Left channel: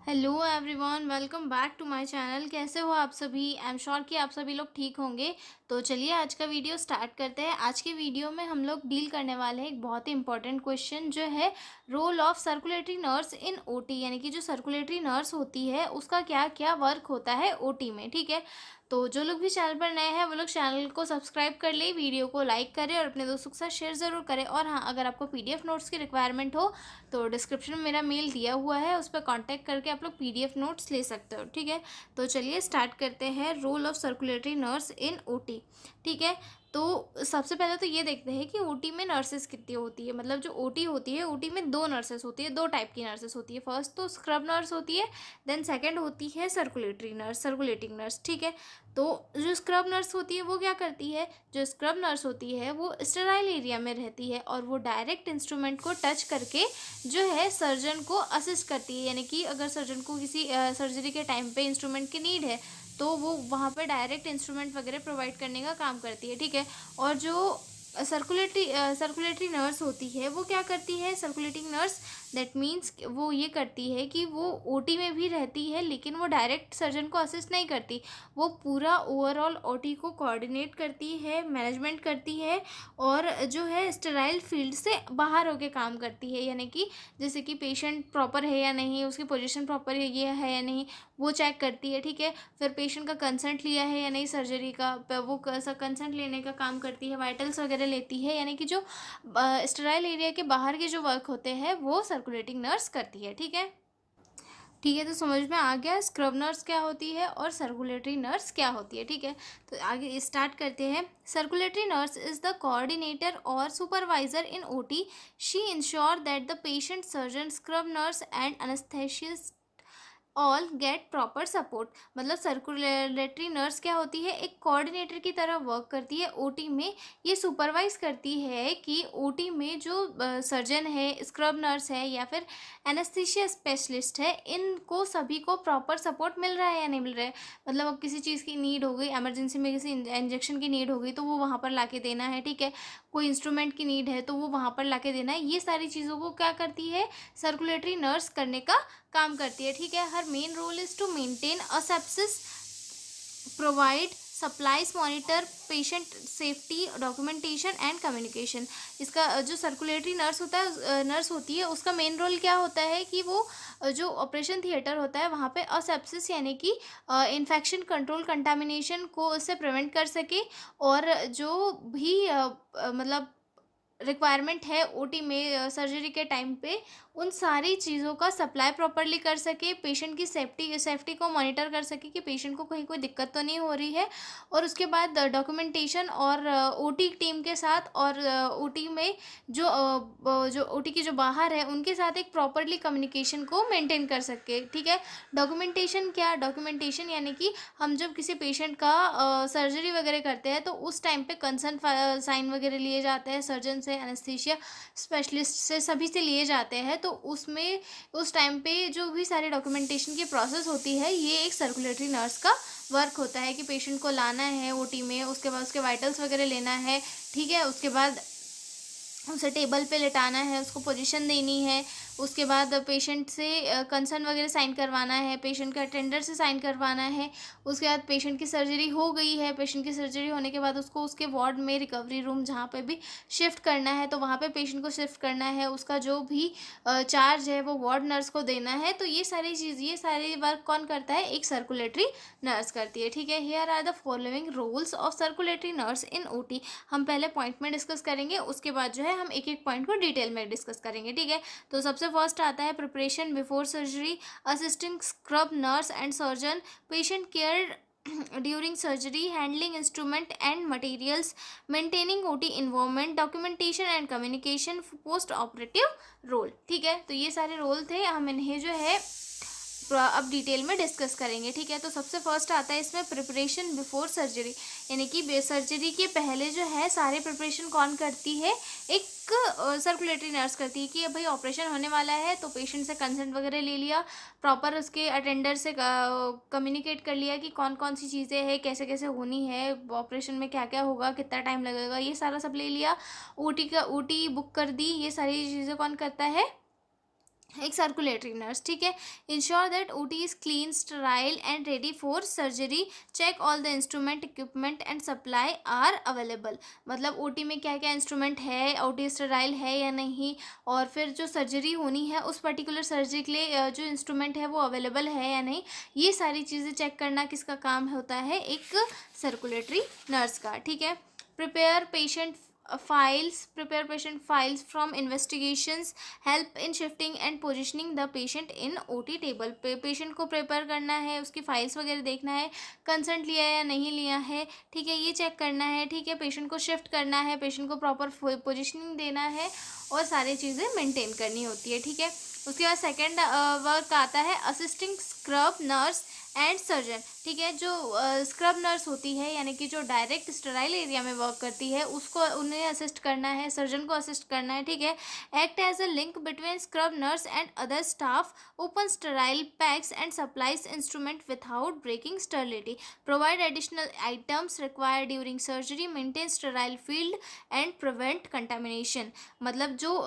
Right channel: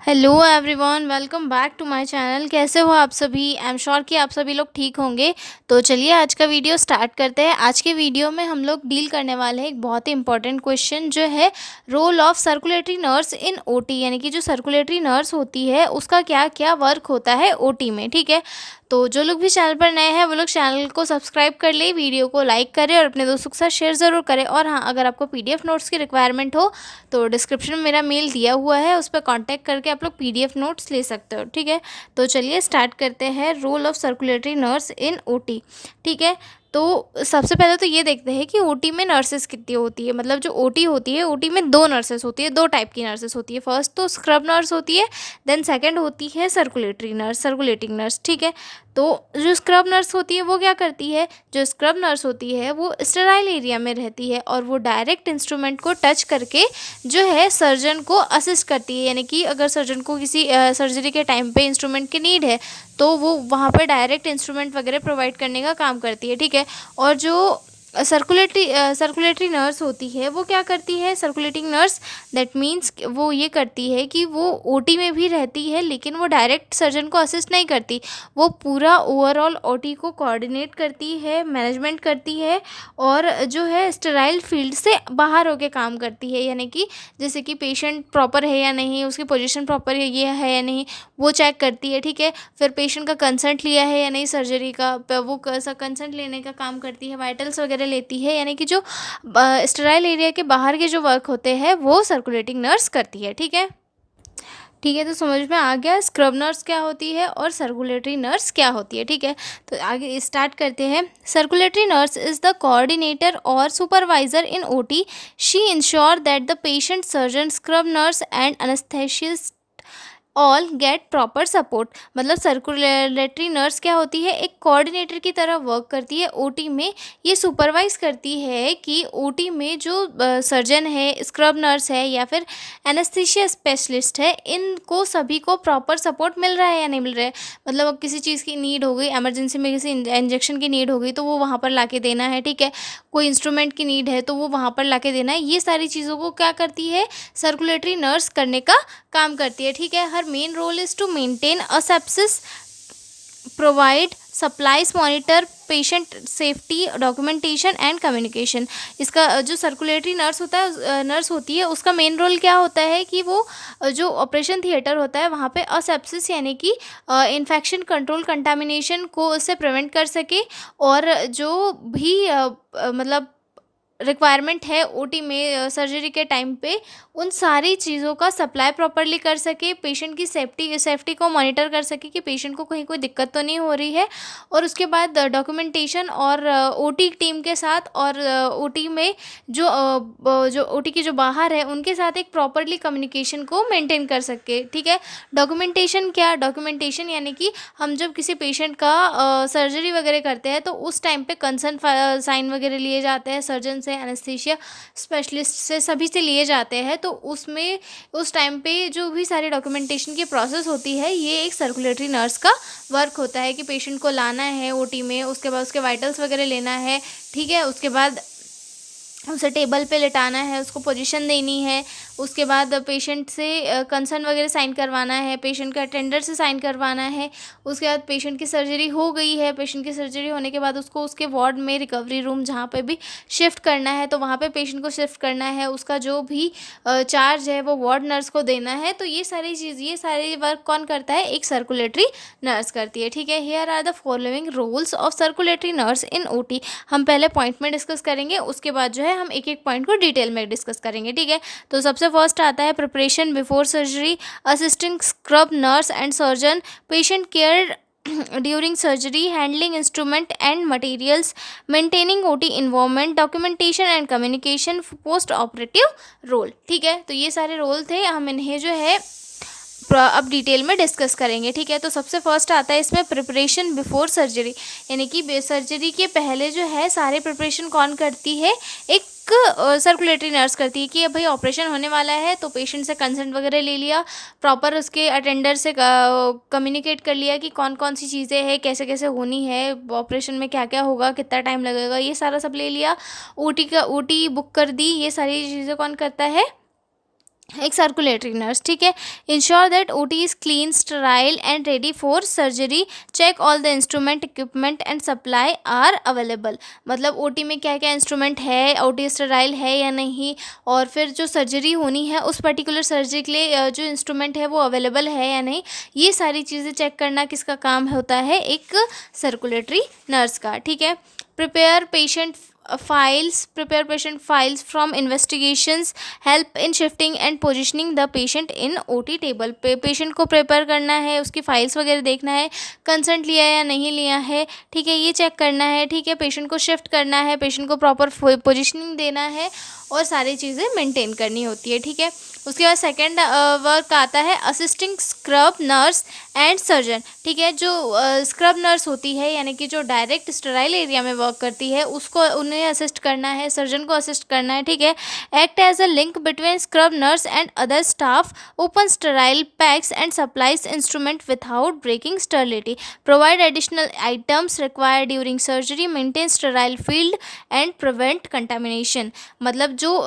Hello everyone, welcome back to my channel. कैसे हो आप सभी? आई एम श्योर कि आप सभी लोग ठीक होंगे। तो चलिए आज का वीडियो स्टार्ट करते हैं। आज के वीडियो में हम लोग डील करने वाले हैं एक बहुत ही इंपॉर्टेंट क्वेश्चन, जो है role of circulatory nurse in OT. यानी कि जो सर्कुलेटरी नर्स होती है उसका क्या क्या वर्क होता है ओटी में। ठीक है, तो जो लोग भी चैनल पर नए हैं वो लोग चैनल को सब्सक्राइब कर ले, वीडियो को लाइक करें और अपने दोस्तों के साथ शेयर ज़रूर करें। और हाँ, अगर आपको पीडीएफ नोट्स की रिक्वायरमेंट हो तो डिस्क्रिप्शन में मेरा मेल दिया हुआ है, उस पर कांटेक्ट करके आप लोग पीडीएफ नोट्स ले सकते हो। ठीक है, तो चलिए स्टार्ट करते हैं role of circulatory nurse in OT. ठीक है, तो सबसे पहले तो ये देखते हैं कि ओटी में नर्सेस कितनी होती है। मतलब जो ओटी होती है, ओटी में दो नर्सेस होती है, दो टाइप की नर्सेस होती है। फर्स्ट तो स्क्रब नर्स होती है, देन सेकंड होती है सर्कुलेटरी नर्स, सर्कुलेटिंग नर्स। ठीक है, तो जो स्क्रब नर्स होती है वो क्या करती है? जो स्क्रब नर्स होती है वो स्टेराइल एरिया में रहती है और वो डायरेक्ट इंस्ट्रूमेंट को टच करके जो है सर्जन को असिस्ट करती है। यानी कि अगर सर्जन को किसी सर्जरी के टाइम पे इंस्ट्रूमेंट की नीड है तो वो वहाँ पर डायरेक्ट इंस्ट्रूमेंट वगैरह प्रोवाइड करने का काम करती है। ठीक है, और जो सर्कुलेटरी नर्स होती है वो क्या करती है? सर्कुलेटिंग नर्स, दैट मीन्स वो ये करती है कि वो ओटी में भी रहती है लेकिन वो डायरेक्ट सर्जन को असिस्ट नहीं करती। वो पूरा ओवरऑल ओटी को कोऑर्डिनेट करती है, मैनेजमेंट करती है और जो है स्टेराइल फील्ड से बाहर होके काम करती है। यानी कि जैसे कि पेशेंट प्रॉपर है या नहीं, उसकी पोजीशन प्रॉपर ये है या नहीं, वो चेक करती है। ठीक है, फिर पेशेंट का कंसर्ट लिया है या नहीं सर्जरी का, वो कंसर्ट लेने का काम करती है, वाइटल्स वगैरह लेती है। यानी कि जो स्टेराइल एरिया के बाहर के जो वर्क होते हैं वो सर्कुलेटिंग नर्स करती है। ठीक है, ठीक है, तो समझ में आ गया स्क्रब नर्स क्या होती है और सर्कुलेटरी नर्स क्या होती है। ठीक है, तो आगे स्टार्ट करते हैं। Circulatory nurse is the coordinator और supervisor in OT. She ensure that the patient, surgeon, scrub nurse and anaesthetist all get proper support. मतलब सर्कुलेटरी नर्स क्या होती है? एक कोऑर्डिनेटर की तरह वर्क करती है ओटी में। ये सुपरवाइज करती है कि ओटी में जो सर्जन है, स्क्रब नर्स है या फिर एनेस्थीसिया स्पेशलिस्ट है, इनको सभी को प्रॉपर सपोर्ट मिल रहा है या नहीं मिल रहा है। मतलब अब किसी चीज़ की नीड हो गई, एमरजेंसी में किसी इंजेक्शन की नीड हो गई तो वो वहाँ पर ला देना है। ठीक है, कोई इंस्ट्रूमेंट की नीड है तो वो वहाँ पर ला देना है। ये सारी चीज़ों को क्या करती है? सर्कुलेटरी नर्स करने का काम करती है। ठीक है, her main role is to maintain asepsis, provide supplies, monitor patient safety, documentation and communication. इसका जो सर्कुलेटरी नर्स होता है, नर्स होती है, उसका मेन रोल क्या होता है कि वो जो ऑपरेशन थिएटर होता है वहाँ पे असेप्सिस यानी कि इन्फेक्शन कंट्रोल, कंटामिनेशन को उससे प्रिवेंट कर सके। और जो भी मतलब रिक्वायरमेंट है ओटी में सर्जरी के टाइम पे, उन सारी चीज़ों का सप्लाई प्रॉपरली कर सके, पेशेंट की सेफ्टी को मॉनिटर कर सके कि पेशेंट को कहीं कोई दिक्कत तो नहीं हो रही है। और उसके बाद डॉक्यूमेंटेशन और ओटी टीम के साथ और ओटी में जो जो ओटी के जो बाहर है उनके साथ एक प्रॉपरली कम्युनिकेशन को मेंटेन कर सके। ठीक है, डॉक्यूमेंटेशन क्या? डॉक्यूमेंटेशन यानी कि हम जब किसी पेशेंट का सर्जरी वगैरह करते हैं तो उस टाइम पे कंसर्न साइन वगैरह लिए जाते हैं, सर्जन से, एनेस्थीसिया स्पेशलिस्ट से, सभी से लिए जाते हैं। तो उसमें उस टाइम पे जो भी सारे डॉक्यूमेंटेशन की प्रोसेस होती है, ये एक सर्कुलेटरी नर्स का वर्क होता है कि पेशेंट को लाना है ओटी में, उसके बाद उसके वाइटल्स वगैरह लेना है। ठीक है, उसके बाद उसे टेबल पे लेटाना है, उसको पोजीशन देनी है, उसके बाद पेशेंट से कंसर्न वगैरह साइन करवाना है, पेशेंट के अटेंडर से साइन करवाना है। उसके बाद पेशेंट की सर्जरी हो गई है, पेशेंट की सर्जरी होने के बाद उसको उसके वार्ड में, रिकवरी रूम जहाँ पे भी शिफ्ट करना है तो वहाँ पे पेशेंट को शिफ्ट करना है। उसका जो भी चार्ज है वो वार्ड नर्स को देना है। तो ये सारी चीज़, ये सारे वर्क कौन करता है? एक सर्कुलेटरी नर्स करती है। ठीक है, here are the following roles of circulatory nurse in OT. हम पहले पॉइंट में डिस्कस करेंगे, उसके बाद जो है हम एक एक पॉइंट को डिटेल में डिस्कस करेंगे। ठीक है, तो सबसे फर्स्ट आता है preparation before surgery, assisting scrub nurse and surgeon, patient care during surgery, handling instrument and materials, maintaining OT environment, documentation and communication, post operative role. ठीक है, तो ये सारे रोल थे, हम इन्हें जो है अब डिटेल में डिस्कस करेंगे। ठीक है, तो सबसे फर्स्ट आता है इसमें प्रिपरेशन बिफोर सर्जरी। यानी कि सर्जरी के पहले जो है सारे प्रिपरेशन कौन करती है? एक सर्कुलेटरी नर्स करती है कि भाई ऑपरेशन होने वाला है तो पेशेंट से कंसेंट वगैरह ले लिया, प्रॉपर उसके अटेंडर से कम्युनिकेट कर लिया कि कौन कौन सी चीज़ें हैं, कैसे कैसे होनी है, ऑपरेशन में क्या क्या होगा, कितना टाइम लगेगा, ये सारा सब ले लिया। ओटी बुक कर दी। ये सारी चीज़ें कौन करता है? एक सर्कुलेटरी नर्स, ठीक है। Ensure that OT is clean, sterile and ready for surgery, check all the instrument, equipment and supply are available. मतलब ओटी में क्या क्या इंस्ट्रूमेंट है, ओटी स्टराइल है या नहीं, और फिर जो सर्जरी होनी है उस पर्टिकुलर सर्जरी के लिए जो इंस्ट्रूमेंट है वो अवेलेबल है या नहीं, ये सारी चीज़ें चेक करना किसका काम होता है, एक सर्कुलेटरी नर्स का, ठीक है। Prepare patient files from investigations, help in shifting and positioning the patient in OT table। Patient को प्रिपेयर करना है, उसकी फाइल्स वगैरह देखना है, कंसेंट लिया या नहीं लिया है, ठीक है, ये चेक करना है, ठीक है। पेशेंट को शिफ्ट करना है, पेशेंट को प्रॉपर पोजिशनिंग देना है, और सारी चीज़ें मेंटेन करनी होती है, ठीक है। उसके बाद सेकंड वर्क आता है assisting scrub nurse and surgeon, ठीक है। जो स्क्रब नर्स होती है, यानी कि जो डायरेक्ट स्टराइल एरिया में वर्क करती है, उसको उन्हें असिस्ट करना है, सर्जन को असिस्ट करना है, ठीक है। Act as a link between scrub nurse and other staff, open sterile packs and supplies instrument without breaking sterility, provide additional items required during surgery, maintain sterile field and prevent contamination. मतलब जो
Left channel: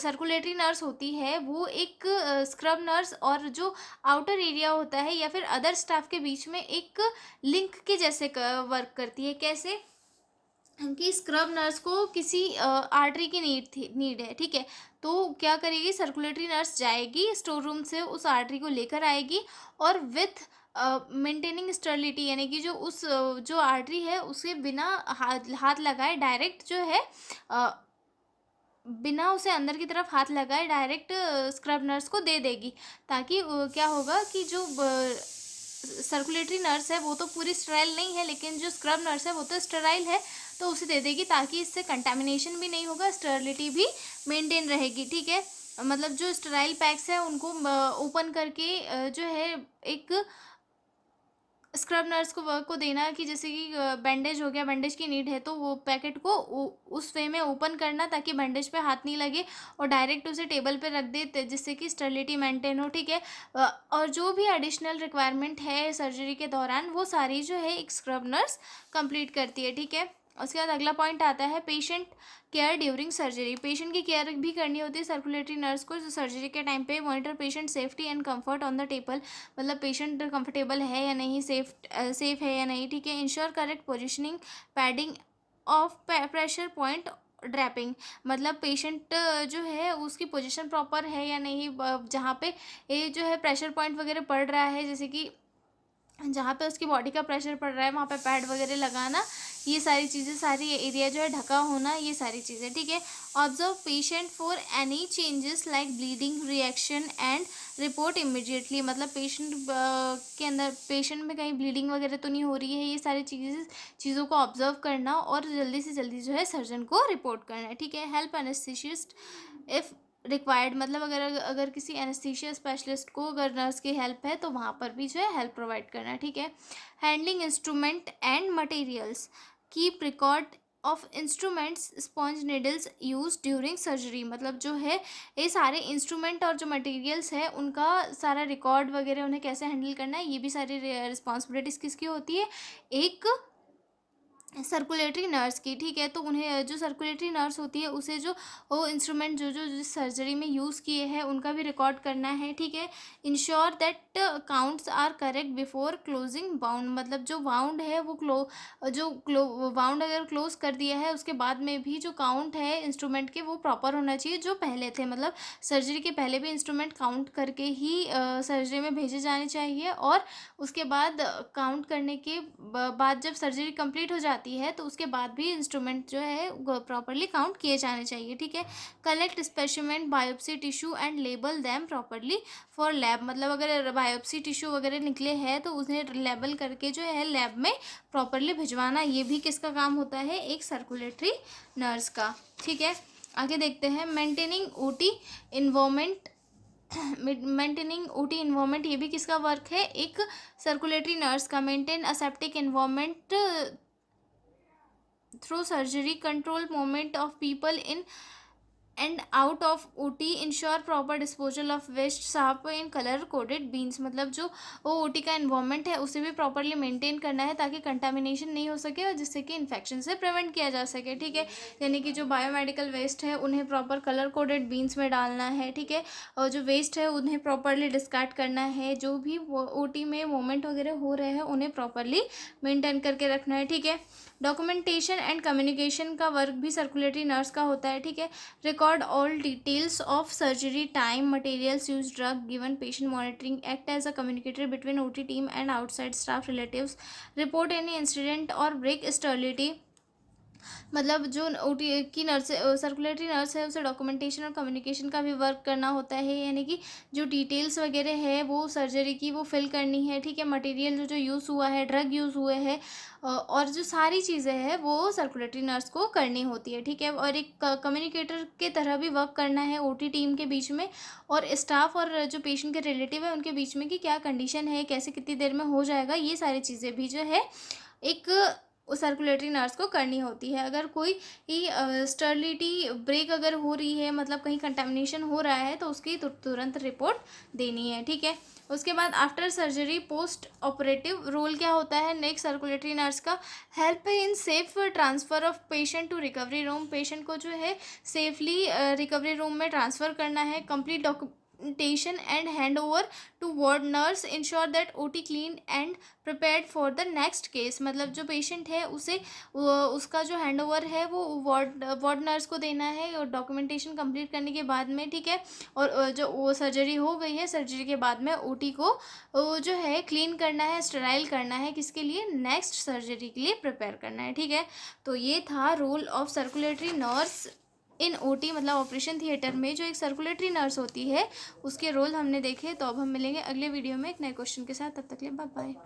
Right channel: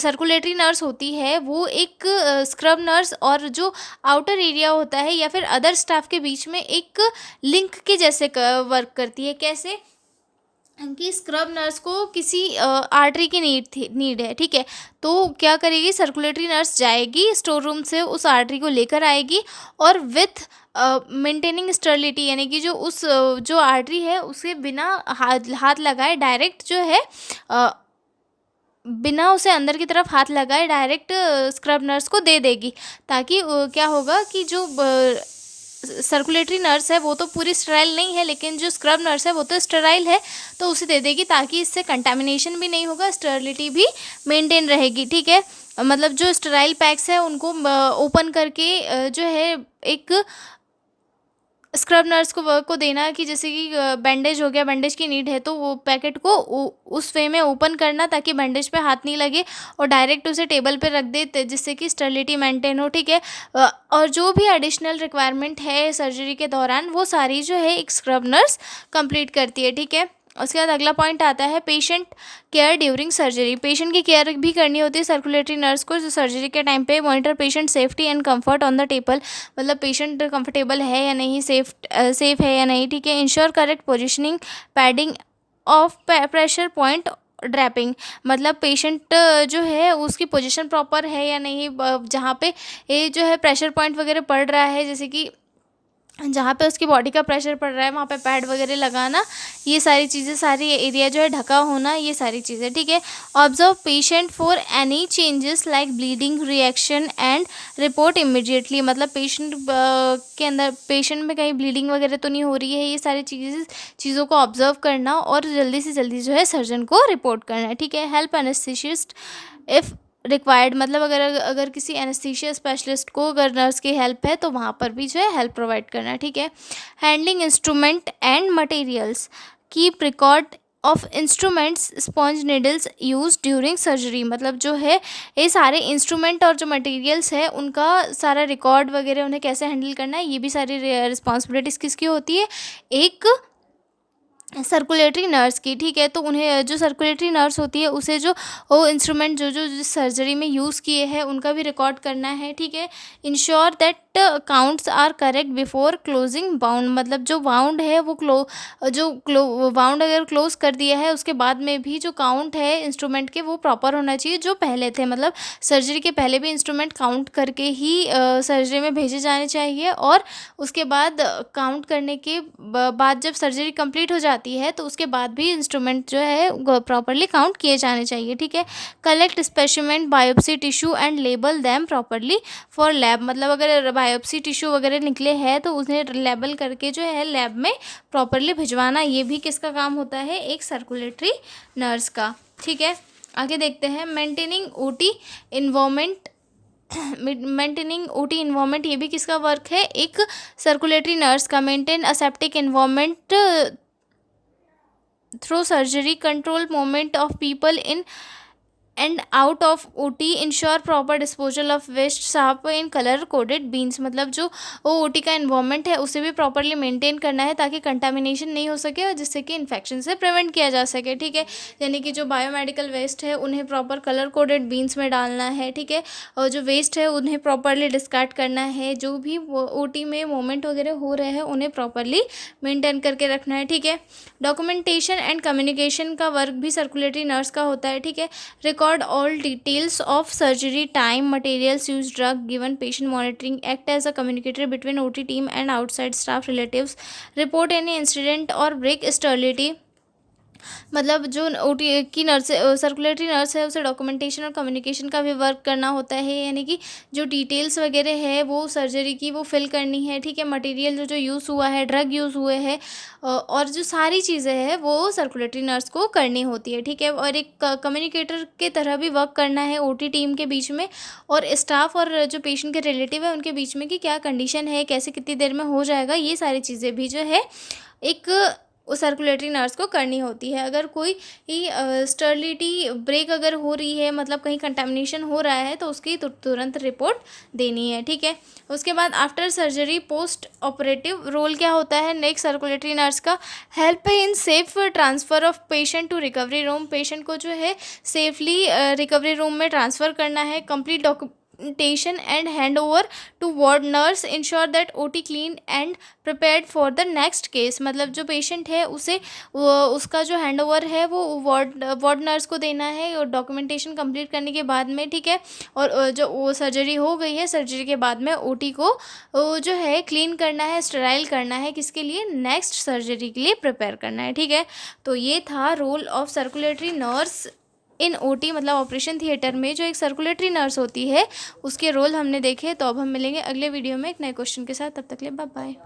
circulatory nurse होती है वो एक scrub nurse और जो outer area होता है या फिर अदर स्टाफ के बीच में एक लिंक के जैसे वर्क करती है। कैसे कि स्क्रब नर्स को किसी आर्टरी की नीड है, ठीक है, तो क्या करेगी, सर्कुलेटरी नर्स जाएगी स्टोर रूम से, उस आर्टरी को लेकर आएगी, और विथ मेंटेनिंग स्टरलिटी, यानी कि जो उस जो आर्टरी है उसे बिना हाथ लगाए डायरेक्ट जो है बिना उसे अंदर की तरफ हाथ लगाए डायरेक्ट स्क्रब नर्स को दे देगी, ताकि क्या होगा कि जो सर्कुलेटरी नर्स है वो तो पूरी स्टेराइल नहीं है, लेकिन जो स्क्रब नर्स है वो तो स्टेराइल है, तो उसे दे देगी, ताकि इससे कंटामिनेशन भी नहीं होगा, स्टेरिलिटी भी मेंटेन रहेगी, ठीक है। मतलब जो स्टेराइल पैक्स है उनको ओपन करके जो है एक स्क्रब नर्स को वर्क को देना, कि जैसे कि बैंडेज हो गया, बैंडेज की नीड है तो वो पैकेट को उस वे में ओपन करना, ताकि बैंडेज पे हाथ नहीं लगे, और डायरेक्ट उसे टेबल पे रख दे, जिससे कि स्टेरिलिटी मेंटेन हो, ठीक है। और जो भी एडिशनल रिक्वायरमेंट है सर्जरी के दौरान, वो सारी जो है एक स्क्रब नर्स कंप्लीट करती है, ठीक है। उसके बाद अगला पॉइंट आता है patient care during surgery. Patient की केयर भी करनी होती है सर्कुलेटरी नर्स को, जो सर्जरी के टाइम पे monitor patient safety and comfort on the table, मतलब पेशेंट कंफर्टेबल है या नहीं, सेफ है या नहीं, ठीक है। Ensure correct positioning, padding of pressure point, draping, मतलब पेशेंट जो है उसकी पोजीशन प्रॉपर है या नहीं, जहाँ पे ये जो है प्रेशर पॉइंट वगैरह पड़ रहा है, जैसे कि जहाँ पे उसकी बॉडी का प्रेशर पड़ रहा है वहाँ पे पैड वगैरह लगाना, ये सारी चीज़ें, सारी एरिया जो है ढका होना, ये सारी चीज़ें, ठीक है। Observe patient for any changes like bleeding reaction and report immediately, मतलब पेशेंट के अंदर, पेशेंट में कहीं ब्लीडिंग वगैरह तो नहीं हो रही है, ये सारी चीज़ों को ऑब्जर्व करना और जल्दी से जल्दी जो है सर्जन को रिपोर्ट करना है, ठीक है। हेल्प एनेस्थीसिस्ट इफ़ रिक्वायर्ड, मतलब अगर अगर किसी एनेस्थीसिया स्पेशलिस्ट को अगर नर्स की हेल्प है तो वहाँ पर भी जो है हेल्प प्रोवाइड करना है, ठीक है। Handling instrument and materials, keep record of instruments, sponge needles use during surgery, मतलब जो है ये सारे इंस्ट्रूमेंट और जो मटेरियल्स है उनका सारा रिकॉर्ड वगैरह, उन्हें कैसे हैंडल करना है, ये भी सारी रिस्पॉन्सिबिलिटीज़ किसकी होती है, एक सर्कुलेटरी नर्स की, ठीक है। तो उन्हें जो सर्कुलेटरी नर्स होती है उसे जो वो इंस्ट्रूमेंट जो जो जिस सर्जरी में यूज़ किए हैं उनका भी रिकॉर्ड करना है, ठीक है। Ensure that counts are correct before closing bound, मतलब जो बाउंड है वो बाउंड अगर क्लोज कर दिया है उसके बाद में भी जो काउंट है इंस्ट्रूमेंट के वो प्रॉपर होना चाहिए जो पहले थे, मतलब सर्जरी के पहले भी इंस्ट्रूमेंट काउंट करके ही सर्जरी में भेजे जाने चाहिए, और उसके बाद काउंट करने के बाद जब सर्जरी कंप्लीट हो जाती है तो उसके बाद भी इंस्ट्रूमेंट जो है प्रॉपरली काउंट किए जाने चाहिए, ठीक है। Collect specimen biopsy tissue and label them properly for lab, मतलब अगर बायोप्सी टिश्यू वगैरह निकले हैं तो उन्हें लेबल करके जो है लैब में प्रॉपरली भिजवाना, ये भी किसका काम होता है, एक सर्कुलेटरी नर्स का, ठीक है। आगे देखते हैं maintaining OT environment, maintaining OT environment, ये भी किसका वर्क है, एक सर्कुलेटरी नर्स का। Maintain aseptic environment through surgery, control movement of people in and out of OT ensure proper disposal of waste साफ इन कलर कोडेड बीन्स, मतलब जो वो ओटी का इन्वायरमेंट है उसे भी प्रॉपरली मेंटेन करना है ताकि कंटामिनेशन नहीं हो सके और जिससे कि इन्फेक्शन से प्रिवेंट किया जा सके, ठीक है। यानी कि जो बायोमेडिकल वेस्ट है उन्हें प्रॉपर कलर कोडेड बीन्स में डालना है, ठीक है। और जो वेस्ट है उन्हें प्रॉपरली डिस्कार्ड करना है, जो भी ओटी में मोमेंट वगैरह हो रहे हैं उन्हें प्रॉपरली मेंटेन करके रखना है, ठीक है। डॉक्यूमेंटेशन एंड कम्युनिकेशन का वर्क भी सर्कुलेटरी नर्स का होता है, ठीक है। Record all details of surgery, time, materials use, drug given, patient monitoring, act as a communicator between OT team and outside staff relatives, report any incident और break sterility. मतलब जो OT की nurse circulatory nurse है उसे documentation और communication का भी work करना होता है, यानी कि जो डिटेल्स वगैरह है वो सर्जरी की वो फिल करनी है, ठीक है। मटेरियल जो जो यूज़ हुआ है, ड्रग यूज़ हुए हैं और जो सारी चीज़ें हैं वो सर्कुलेटरी नर्स को करनी होती है, ठीक है। और एक कम्युनिकेटर के तरह भी वर्क करना है ओटी टीम के बीच में और स्टाफ और जो पेशेंट के रिलेटिव है उनके बीच में कि क्या कंडीशन है, कैसे कितनी देर में हो जाएगा, ये सारी चीज़ें भी जो है एक सर्कुलेटरी नर्स को करनी होती है। अगर कोई स्टर्लिटी ब्रेक अगर हो रही है, मतलब कहीं कंटामिनेशन हो रहा है, तो उसकी तुरंत रिपोर्ट देनी है, ठीक है। उसके बाद after surgery post operative role क्या होता है नेक्स्ट सर्कुलेटरी नर्स का, help in safe transfer of patient to recovery room, patient को जो है सेफली रिकवरी रूम में ट्रांसफ़र करना है, complete documentation and hand over to ward nurse, ensure that OT clean and prepared for the next case. मतलब जो patient है उसे उसका जो हैंड ओवर है वो वार्ड नर्स को देना है और डॉक्यूमेंटेशन कंप्लीट करने के बाद में, ठीक है। और जो वो सर्जरी हो गई है, सर्जरी के बाद में ओटी को जो है क्लीन करना है, स्टेराइल करना है, किसके लिए, नेक्स्ट सर्जरी के लिए प्रिपेयर करना है, ठीक है। तो ये था role of circulatory nurse in OT, मतलब ऑपरेशन थिएटर में जो एक सर्कुलेटरी नर्स होती है उसके रोल हमने देखे। तो अब हम मिलेंगे अगले वीडियो में एक नए क्वेश्चन के साथ, तब तक के लिए बाय बाय।